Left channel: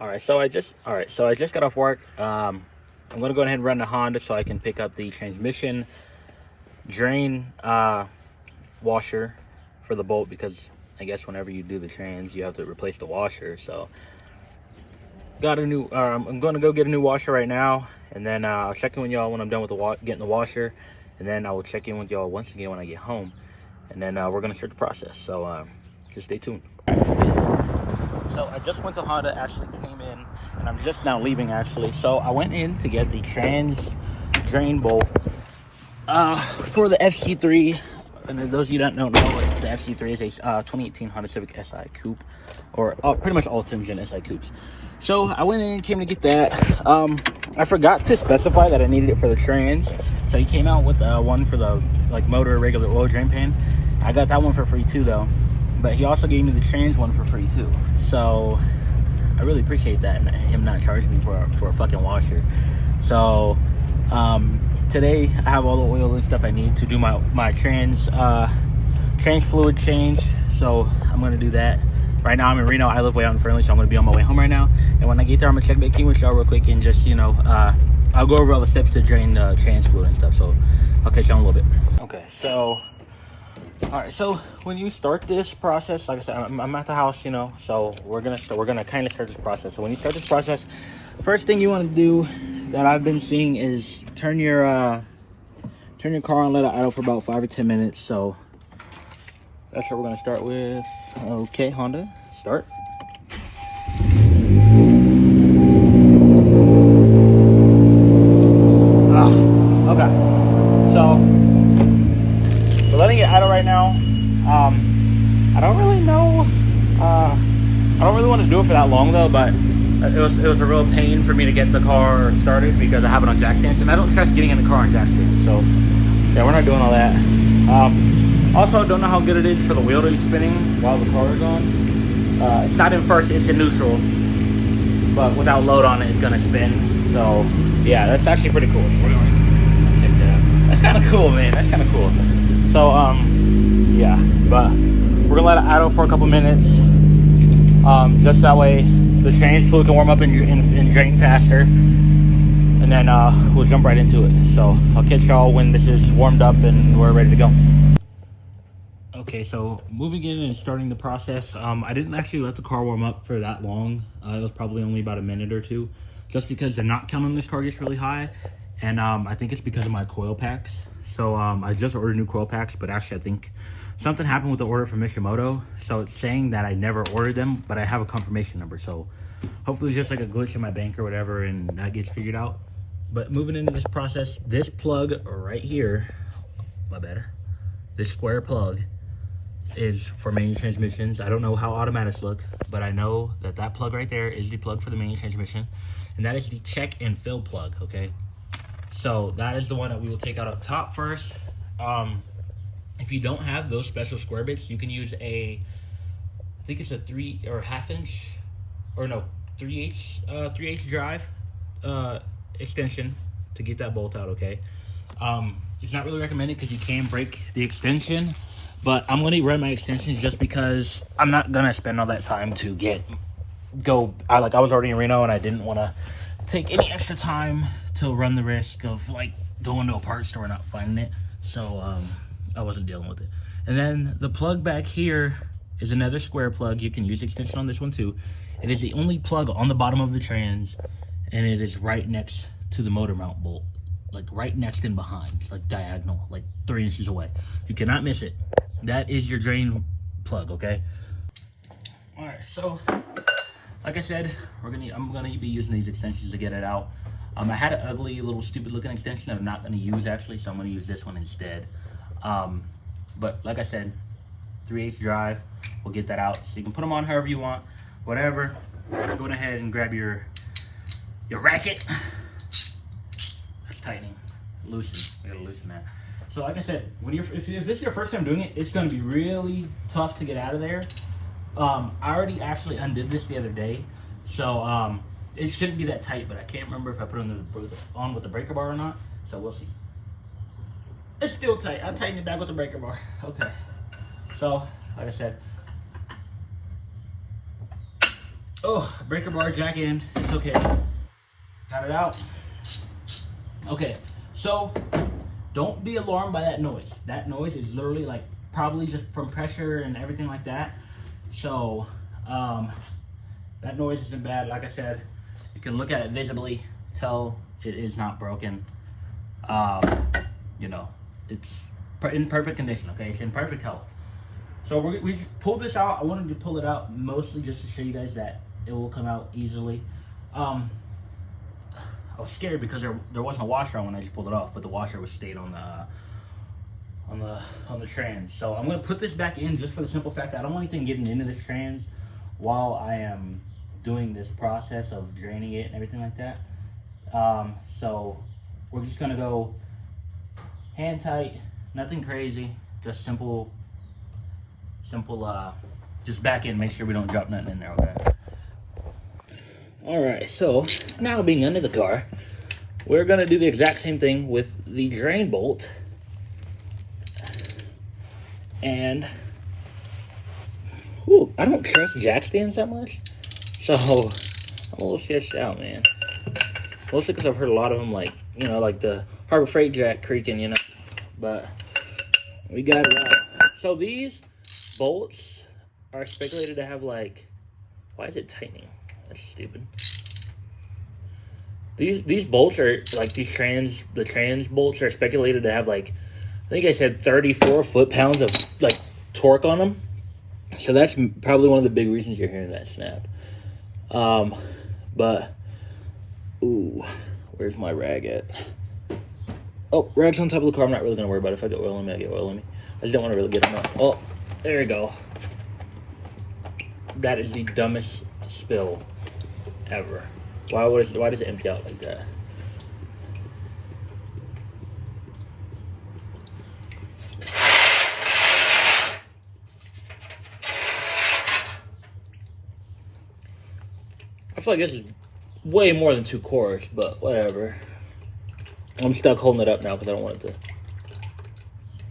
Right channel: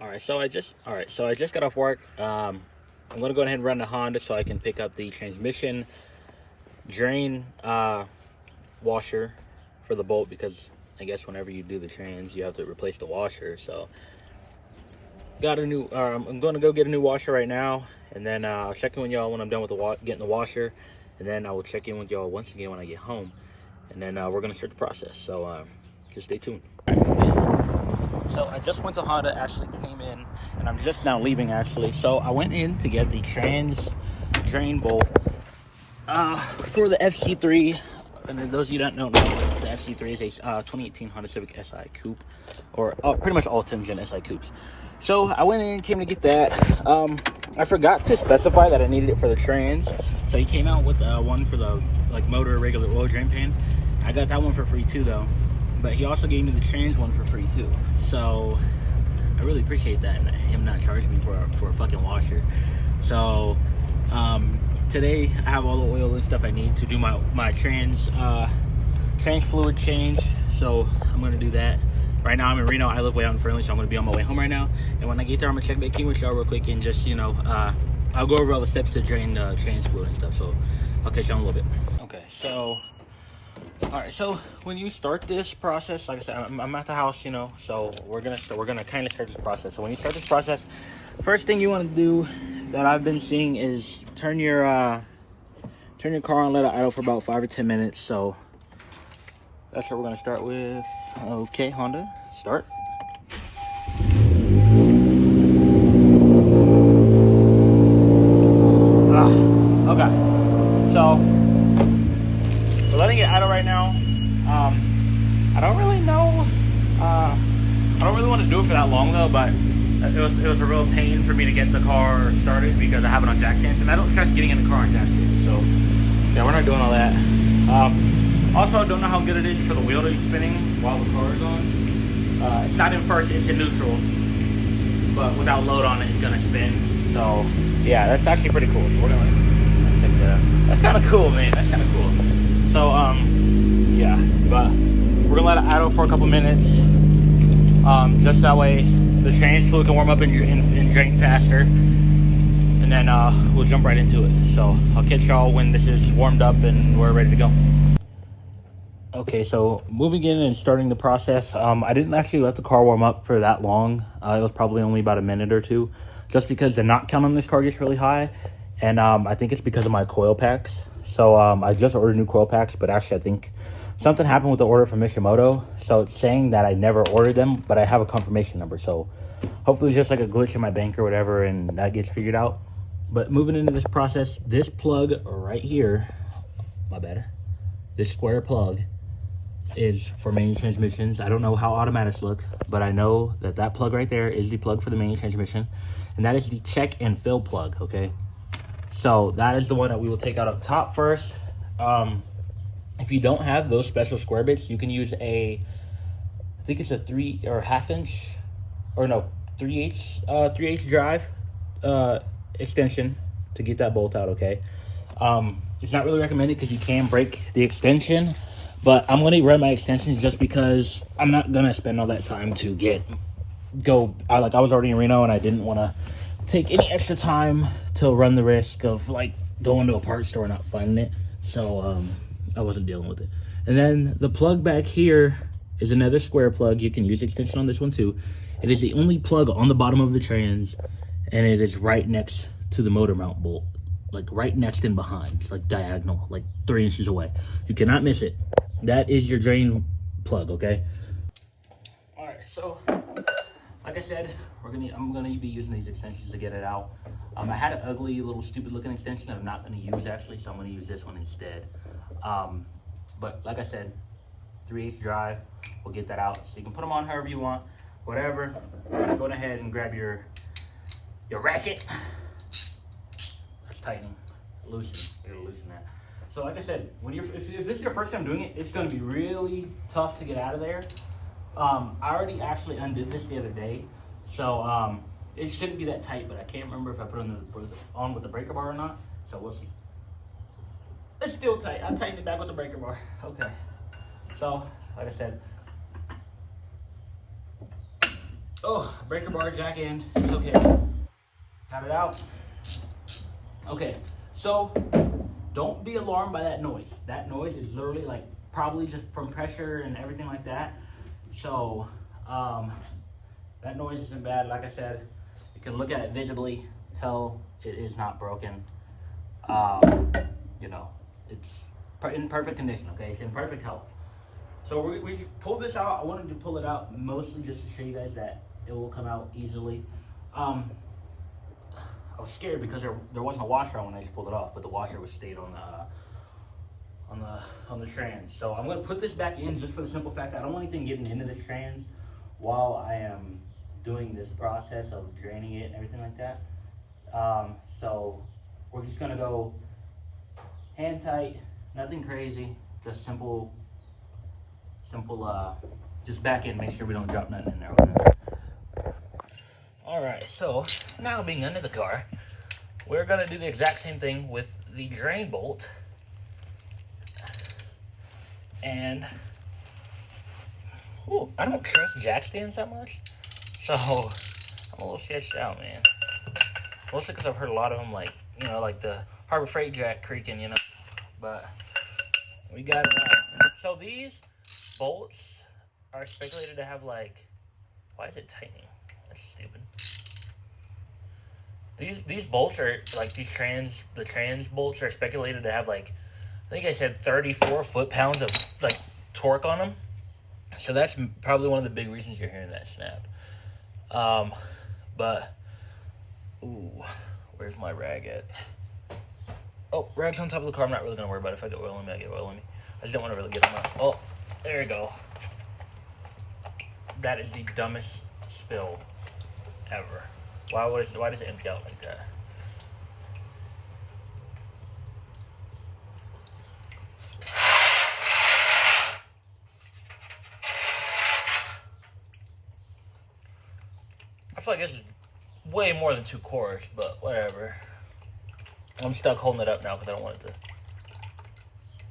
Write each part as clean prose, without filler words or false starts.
So I just got off work. I'm gonna go ahead and run the Honda so I can pick up the transmission drain washer for the bolt, because I guess whenever you do the trans, you have to replace the washer. So got a new. I'm gonna go get a new washer right now, and then I'll check in with y'all when I'm done with getting the washer, and then I will check in with y'all once again when I get home, and then we're gonna start the process. So just stay tuned. So I just went to Honda, actually came in, and I'm just now leaving actually. So I went in to get the trans drain bolt for the FC3. And those of you that don't know, what the FC3 is, a 2018 Honda Civic Si Coupe, or pretty much all 10 Gen Si Coupes. So I went in and came to get that. I forgot to specify that I needed it for the trans. So he came out with one for the motor regular oil drain pan. I got that one for free too though. But he also gave me the trans one for free too. So I really appreciate that, and him not charging me for a fucking washer. So today I have all the oil and stuff I need to do my trans fluid change. So I'm gonna do that. Right now I'm in Reno. I live way out in Fernley, so I'm gonna be on my way home right now. And when I get there, I'm gonna check back in with y'all real quick and just, you know, I'll go over all the steps to drain the trans fluid and stuff. So I'll catch y'all in a little bit. Okay, so all right, so when you start this process, like I said, I'm at the house, you know, so we're gonna kind of start this process. So when you start this process, first thing you want to do that I've been seeing is turn your car on, let it idle for about 5 or 10 minutes. So that's what we're gonna start with. Okay, Honda, start. Okay, so we're letting it idle right now. I don't really know. I don't really want to do it for that long though, but it was a real pain for me to get the car started because I have it on jack stands, and I don't trust getting in the car on jack stands. So yeah, we're not doing all that. Also, don't know how good it is for the wheel to be spinning while the car is on. It's not in first; it's in neutral. But without load on it, it's gonna spin. So yeah, that's actually pretty cool. That's kind of cool, man. That's kind of cool. So yeah, but we're gonna let it idle for a couple minutes, just that way the trans fluid can warm up and drain faster, and then we'll jump right into it. So I'll catch y'all when this is warmed up and we're ready to go. Okay, so moving in and starting the process. I didn't actually let the car warm up for that long. It was probably only about a minute or two, just because the knot count on this car gets really high, and I think it's because of my coil packs. So I just ordered new coil packs, but actually I think something happened with the order from Mishimoto. So it's saying that I never ordered them, but I have a confirmation number. So hopefully it's just like a glitch in my bank or whatever, and that gets figured out. But moving into this process, this plug right here, my bad, this square plug is for manual transmissions. I don't know how automatics look, but I know that that plug right there is the plug for the manual transmission, and that is the check and fill plug. Okay, so that is the one that we will take out up top first. If you don't have those special square bits, you can use I think it's a 3 or ½ inch, or no, 3/8 drive extension to get that bolt out. Okay, it's not really recommended because you can break the extension, but I'm gonna run my extension just because I'm not gonna spend all that time to I was already in Reno and I didn't want to take any extra time to run the risk of like going to a parts store and not finding it. So I wasn't dealing with it. And then the plug back here is another square plug. You can use extension on this one too. It is the only plug on the bottom of the trans, and it is right next to the motor mount bolt, like right next and behind, like diagonal, like 3 inches away. You cannot miss it. That is your drain plug. Okay, all right, so like I said, I'm gonna be using these extensions to get it out. I had an ugly little stupid looking extension that I'm not gonna use actually, so I'm gonna use this one instead. But like I said, 3/8 drive, we'll get that out. So you can put them on however you want, whatever. Go ahead and grab your ratchet. That's tightening, loosen. We gotta loosen that. So like I said, if this is your first time doing it, it's gonna be really tough to get out of there. I already actually undid this the other day, so it shouldn't be that tight, but I can't remember if I put it on with the breaker bar or not, so we'll see. It's still tight. I'm tightening it back with the breaker bar. Okay, so like I said, Oh, breaker bar jack in. Okay. Got it out. Okay. So don't be alarmed by that noise. That noise is literally like probably just from pressure and everything like that. So that noise isn't bad. Like I said, you can look at it visibly, tell it is not broken. You know, it's in perfect condition. Okay, it's in perfect health. So we pulled this out. I wanted to pull it out mostly just to show you guys that it will come out easily. I was scared because there wasn't a washer on when I just pulled it off, but the washer was stayed on the trans. So I'm gonna put this back in just for the simple fact that I don't want anything getting into this trans while I am doing this process of draining it and everything like that. So we're just gonna go hand tight, nothing crazy, just simple, just back in, make sure we don't drop nothing in there. Okay? All right, so now being under the car, we're gonna do the exact same thing with the drain bolt. And ooh, I don't trust jack stands that much, so I'm a little sketched out, man. Mostly because I've heard a lot of them, like, you know, like the Harbor Freight jack creaking, you know. But we got it out. So these bolts are speculated to have like, why is it tightening? That's stupid. These bolts are like the trans bolts are speculated to have like, I think I said 34 foot-pounds of like torque on them. So that's probably one of the big reasons you're hearing that snap. But ooh, where's my rag at? Oh, rag's on top of the car. I'm not really gonna worry about it. If I get oil on me, I get oil on me. I just don't want to really get them up. Oh, there you go. That is the dumbest spill ever. Why does it empty out like that? I feel like this is way more than 2 quarts, but whatever. I'm stuck holding it up now because I don't want it to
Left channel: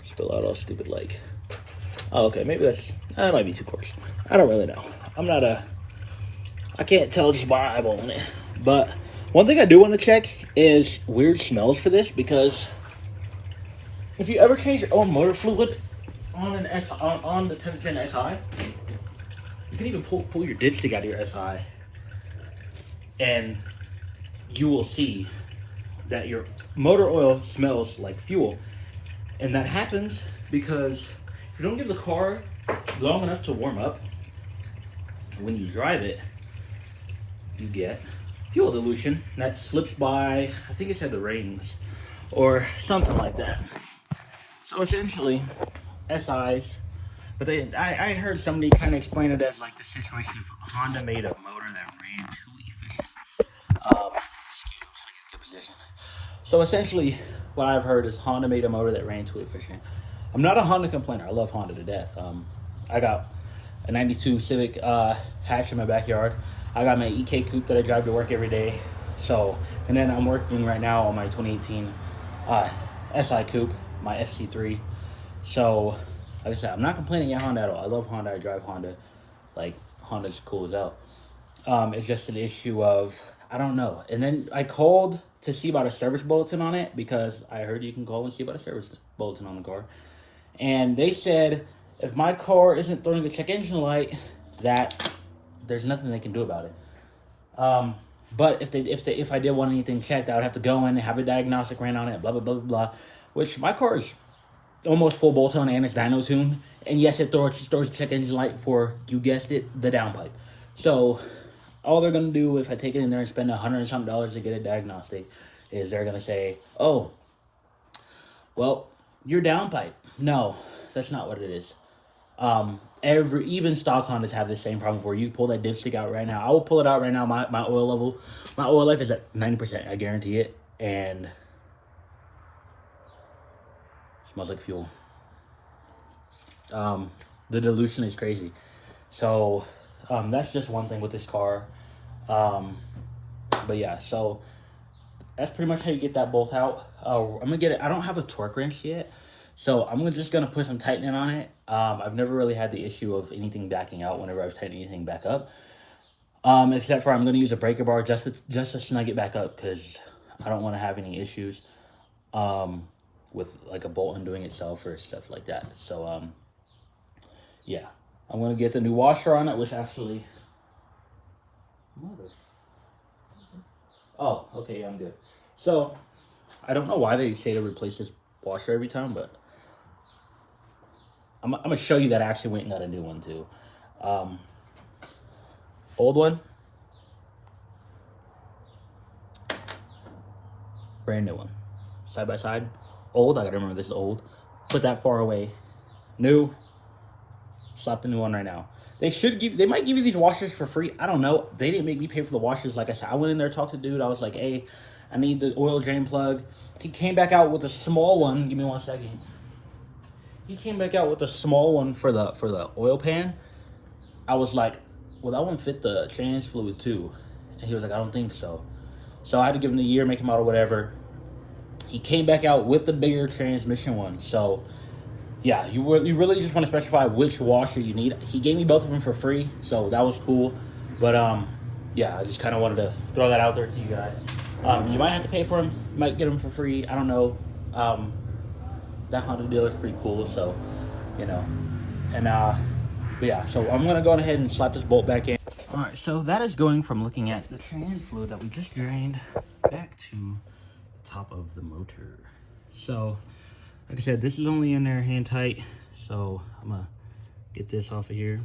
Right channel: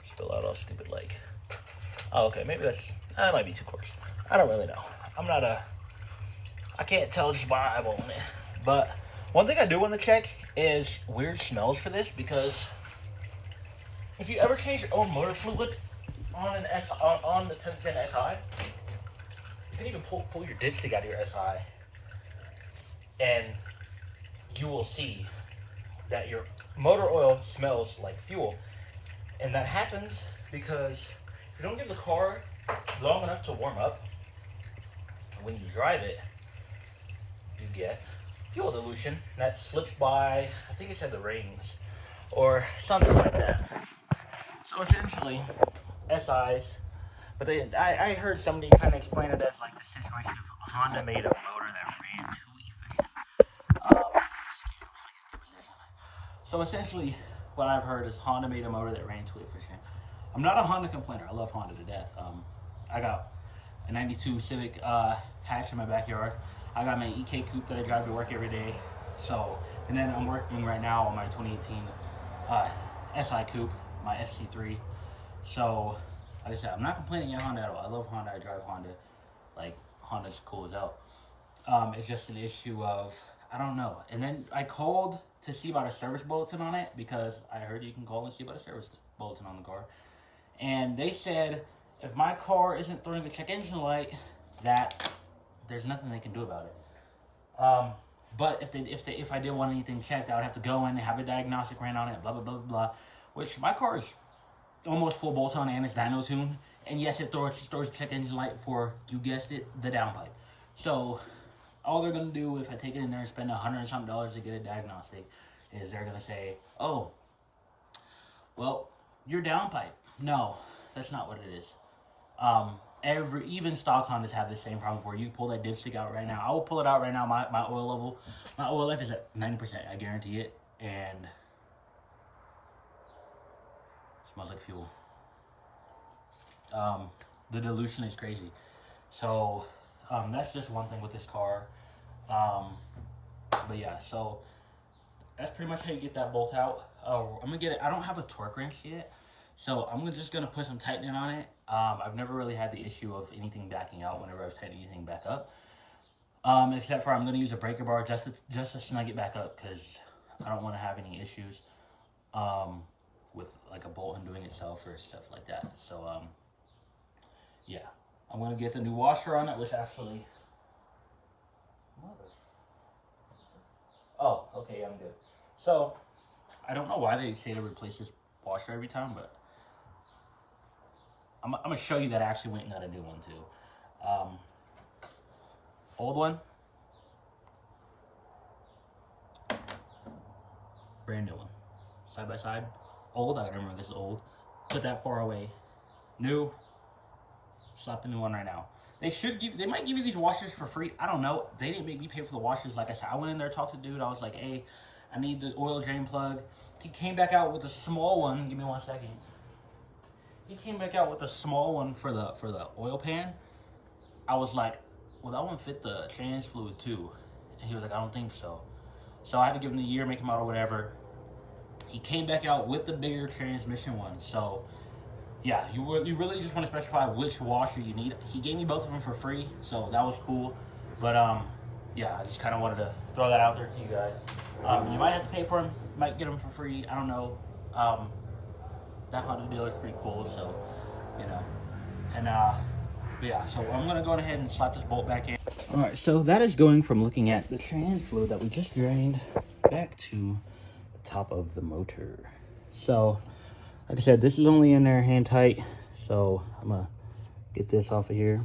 spill out all stupid like. Oh, okay, maybe that might be 2 quarts. I don't really know. I can't tell just by eyeballing it. But one thing I do want to check is weird smells for this, because if you ever change your own motor fluid on on the 10th gen SI, you can even pull your dipstick out of your SI, and you will see that your motor oil smells like fuel. And that happens because if you don't give the car long enough to warm up, when you drive it, you get fuel dilution that slips by, I think it said the rings or something like that. So essentially, SIs, but I heard somebody kind of explain it as like the situation of Honda made a motor that ran too efficient. Excuse me, so I get a good position. So essentially, what I've heard is Honda made a motor that ran too efficient. I'm not a Honda complainer. I love Honda to death. I got a 92 Civic hatch in my backyard. I got my EK coupe that I drive to work every day. So, and then I'm working right now on my 2018 SI coupe, my FC3. So, like I said, I'm not complaining at Honda at all. I love Honda. I drive Honda. Like, Honda's cool as hell. It's just an issue of, I don't know. And then I called to see about a service bulletin on it, because I heard you can call and see about a service bulletin on the car. And they said if my car isn't throwing a check engine light, that there's nothing they can do about it. But if I did want anything checked, I would have to go in and have a diagnostic ran on it, blah blah blah blah blah. Which my car is almost full bolt on and it's dyno tuned. And yes, it throws a check engine light for, you guessed it, the downpipe. So all they're gonna do if I take it in there and spend $100 and something to get a diagnostic is they're gonna say, oh, well, your downpipe. No, that's not what it is. Even stock Hondas have the same problem where you pull that dipstick out right now. I will pull it out right now. My oil level, my oil life is at 90%. I guarantee it, and it smells like fuel. The dilution is crazy. So that's just one thing with this car. But yeah, so that's pretty much how you get that bolt out. I'm gonna get it. I don't have a torque wrench yet, so I'm just gonna put some tightening on it. I've never really had the issue of anything backing out whenever I've tightened anything back up. Except for I'm gonna use a breaker bar just to snug it back up because I don't want to have any issues um, with like a bolt undoing itself or stuff like that. So yeah, I'm gonna get the new washer on it, which actually, oh, okay, yeah, I'm good. So I don't know why they say to replace this washer every time, but I'm gonna show you that I actually went and got a new one too. Um, Old one, brand new one, side by side. Old, I gotta remember this is old. Put that far away. New, slap the new one right now. They might give you these washers for free. I don't know. They didn't make me pay for the washers. Like I said, I went in there, talked to the dude. I was like, hey, I need the oil drain plug. He came back out with a small one. Give me 1 second. He came back out with a small one for the oil pan. I was like, well, that one fit the trans fluid too. And he was like, I don't think so. So I had to give him the year, make him out or whatever. He came back out with the bigger transmission one. So yeah, you really just want to specify which washer you need. He gave me both of them for free, so that was cool. But yeah, I just kind of wanted to throw that out there to you guys. You might have to pay for them, might get them for free. I don't know. That Honda dealer is pretty cool, so you know. And but yeah, so I'm gonna go ahead and slap this bolt back in. All right, so that is going from looking at the trans fluid that we just drained back to the top of the motor. So like I said, this is only in there hand tight, so I'm gonna get this off of here.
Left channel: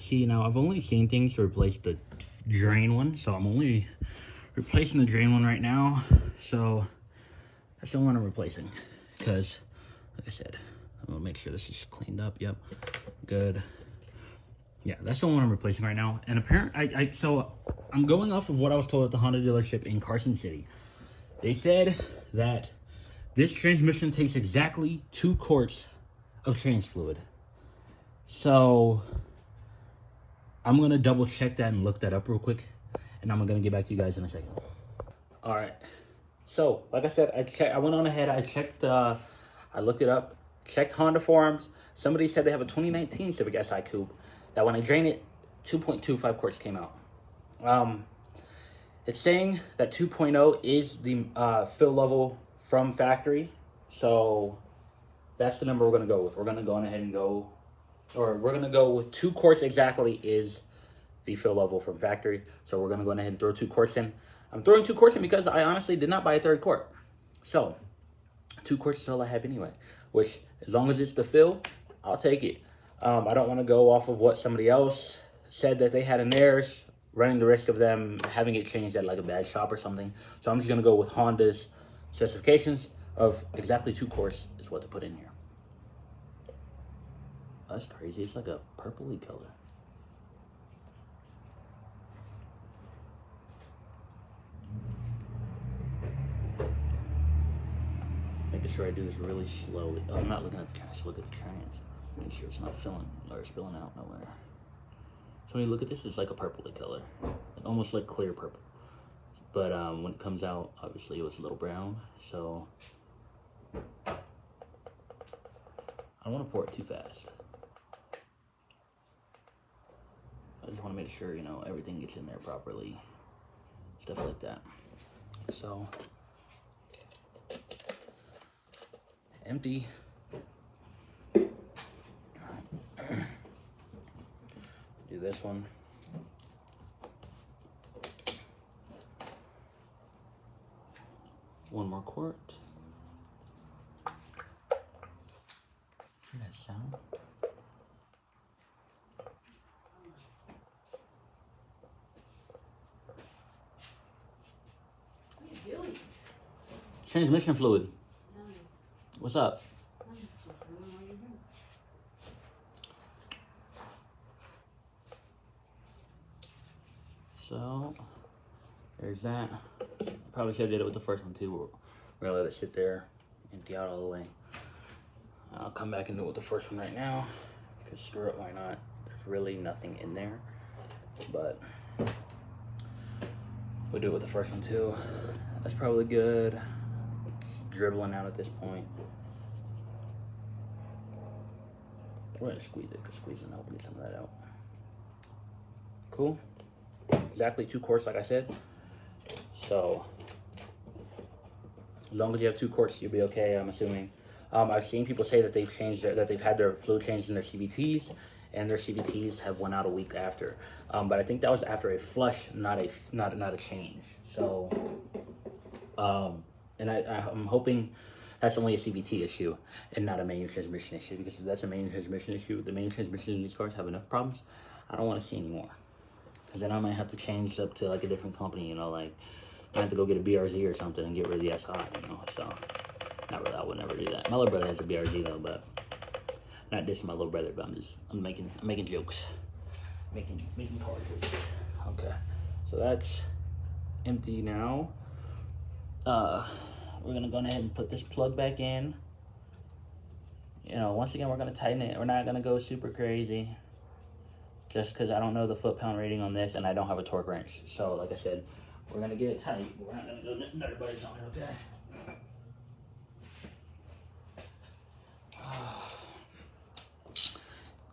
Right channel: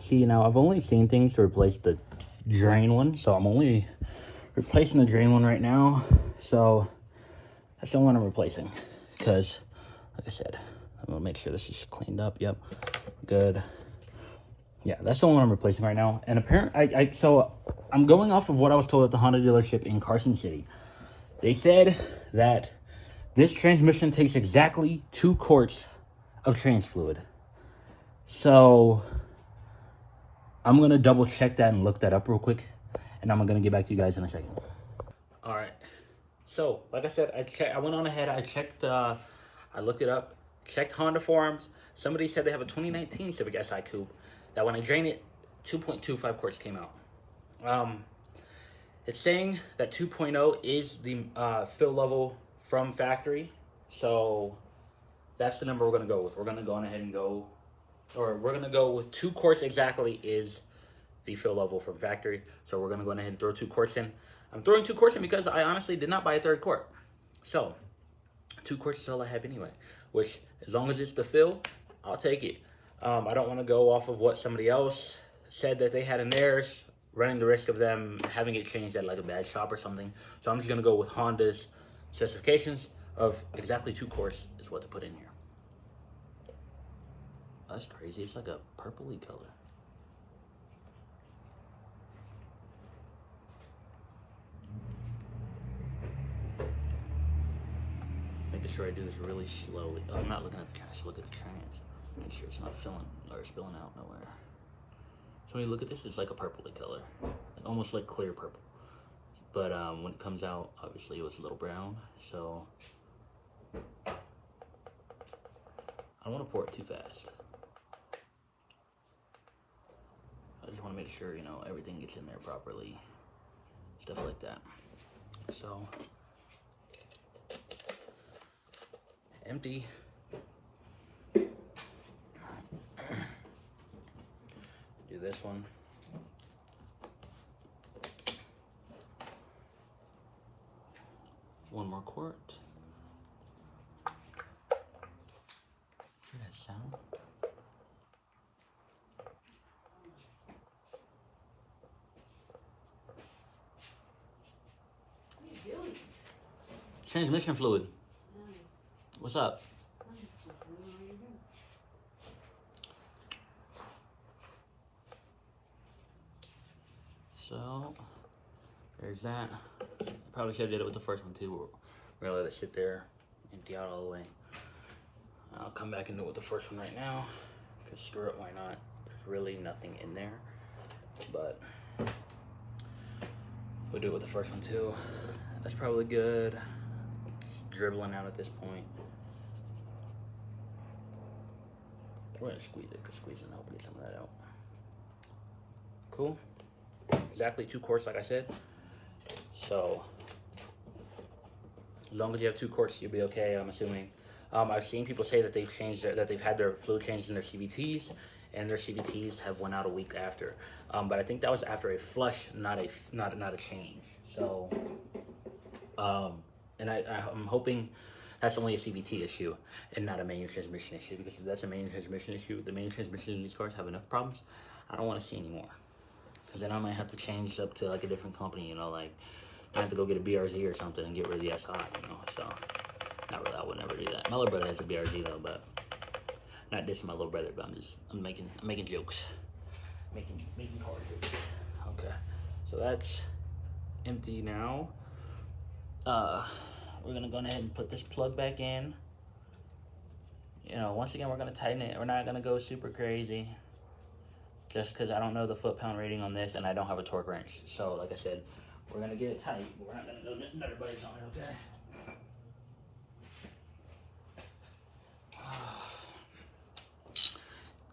See, now I've only seen things to replace the drain one, so I'm only replacing the drain one right now. So that's the one I'm replacing, because like I said, I'm gonna make sure this is cleaned up. Yep, good. Yeah, that's the one I'm replacing right now. And apparently, so I'm going off of what I was told at the Honda dealership in Carson City. They said that this transmission takes exactly 2 quarts of trans fluid. So I'm going to double check that and look that up real quick. And I'm going to get back to you guys in a second. All right. So like I said, I went on ahead. I checked, I looked it up, checked Honda forums. Somebody said they have a 2019 Civic Si Coupe that when I drain it, 2.25 quarts came out. It's saying that 2.0 is the fill level from factory, so that's the number we're going to go with. We're going to go on ahead and go, or we're going to go with 2 quarts exactly is the fill level from factory. So we're going to go ahead and throw 2 quarts in. I'm throwing 2 quarts in because I honestly did not buy a 3rd quart. So 2 quarts is all I have anyway, which as long as it's the fill, I'll take it. I don't want to go off of what somebody else said that they had in theirs, running the risk of them having it changed at like a bad shop or something. So I'm just going to go with Honda's specifications of exactly 2 quarts is what to put in here. That's crazy. It's like a purpley color. Making sure I do this really slowly. Oh, I'm not looking at the trans. Look at the trans. Make sure it's not filling or spilling out nowhere. So when you look at this, it's like a purpley color, almost like clear purple. But when it comes out, obviously it was a little brown. So I don't want to pour it too fast. I just want to make sure, you know, everything gets in there properly, stuff like that. So empty. Do this one. One more quart. Hear that sound? Transmission fluid. What's up? So there's that. Probably should have did it with the first one too. We're gonna let it sit there, empty out all the way. I'll come back and do it with the first one right now. Because screw it, why not? There's really nothing in there. But we'll do it with the first one too. That's probably good. It's dribbling out at this point. We're gonna squeeze it, because squeezing will help get some of that out. Cool. Exactly 2 quarts, like I said. So as long as you have 2 quarts, you'll be okay, I'm assuming. I've seen people say that they've changed that they've had their fluid changed in their CVTs, and their CVTs have went out a week after. But I think that was after a flush, not a change. So, and I'm hoping that's only a CVT issue and not a manual transmission issue, because if that's a manual transmission issue, the manual transmission in these cars have enough problems. I don't want to see anymore, because then I might have to change up to like a different company, you know, like I have to go get a BRZ or something and get rid of the SI, you know. So not really, I would never do that. My little brother has a BRZ though, but not dissing my little brother, but I'm making jokes, making car jokes. Okay, so that's empty now. We're gonna go ahead and put this plug back in. You know, once again, we're gonna tighten it. We're not gonna go super crazy, just because I don't know the foot-pound rating on this, and I don't have a torque wrench. So, like I said, we're gonna get it tight, but we're not gonna go nothing everybody's on it, okay?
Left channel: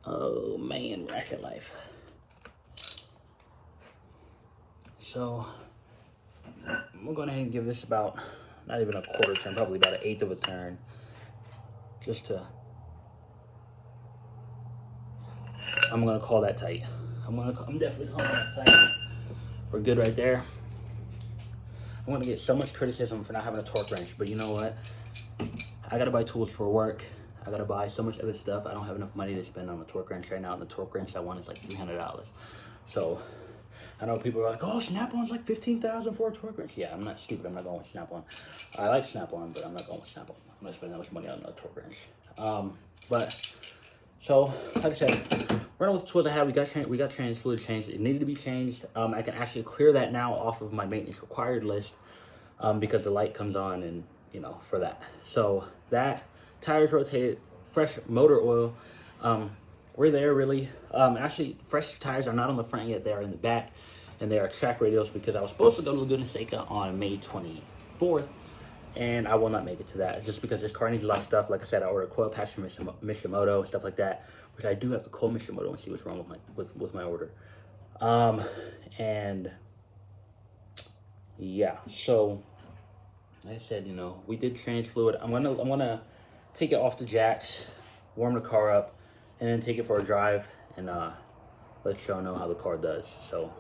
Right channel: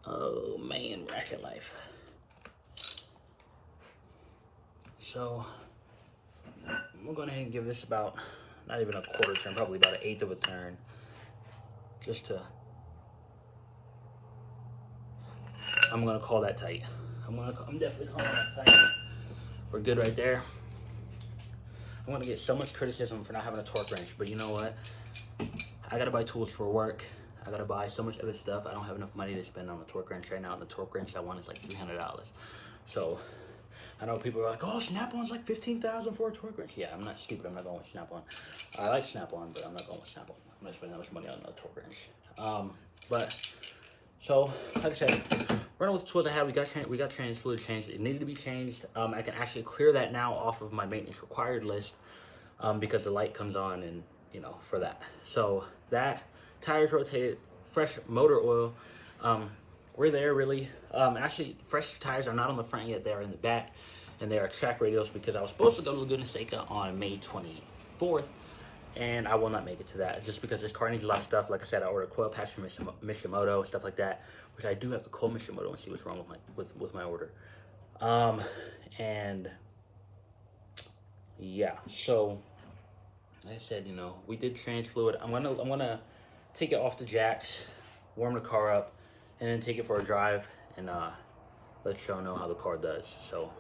Oh man, ratchet life. So we're going to give this about, not even a quarter turn, probably about an 1/8 of a turn, just to, I'm going to call that tight. I'm definitely calling that tight. We're good right there. I'm going to get so much criticism for not having a torque wrench, but you know what? I got to buy tools for work. I got to buy so much other stuff. I don't have enough money to spend on a torque wrench right now, and the torque wrench I want is like $300. So I know people are like, oh, Snap-on's like $15,000 for a torque wrench. Yeah, I'm not stupid. I'm not going with Snap-on. I like Snap-on, but I'm not going with Snap-on. I'm not spending that much money on a torque wrench. But so, like I said, running with the tools I have, we got changed, fluid changed. It needed to be changed. I can actually clear that now off of my maintenance required list, because the light comes on, and you know, for that. So that, tires rotated, fresh motor oil. We're there really. Actually, fresh tires are not on the front yet. They are in the back, and they are track radials, because I was supposed to go to Laguna Seca on May 24th, and I will not make it to that. It's just because this car needs a lot of stuff. Like I said, I ordered a coil patch from Mishimoto, stuff like that, which I do have to call Mishimoto and see what's wrong with my order. And yeah, so like I said, you know, we did change fluid. I'm gonna take it off the jacks, warm the car up, and then take it for a drive, and let y'all know how the car does. So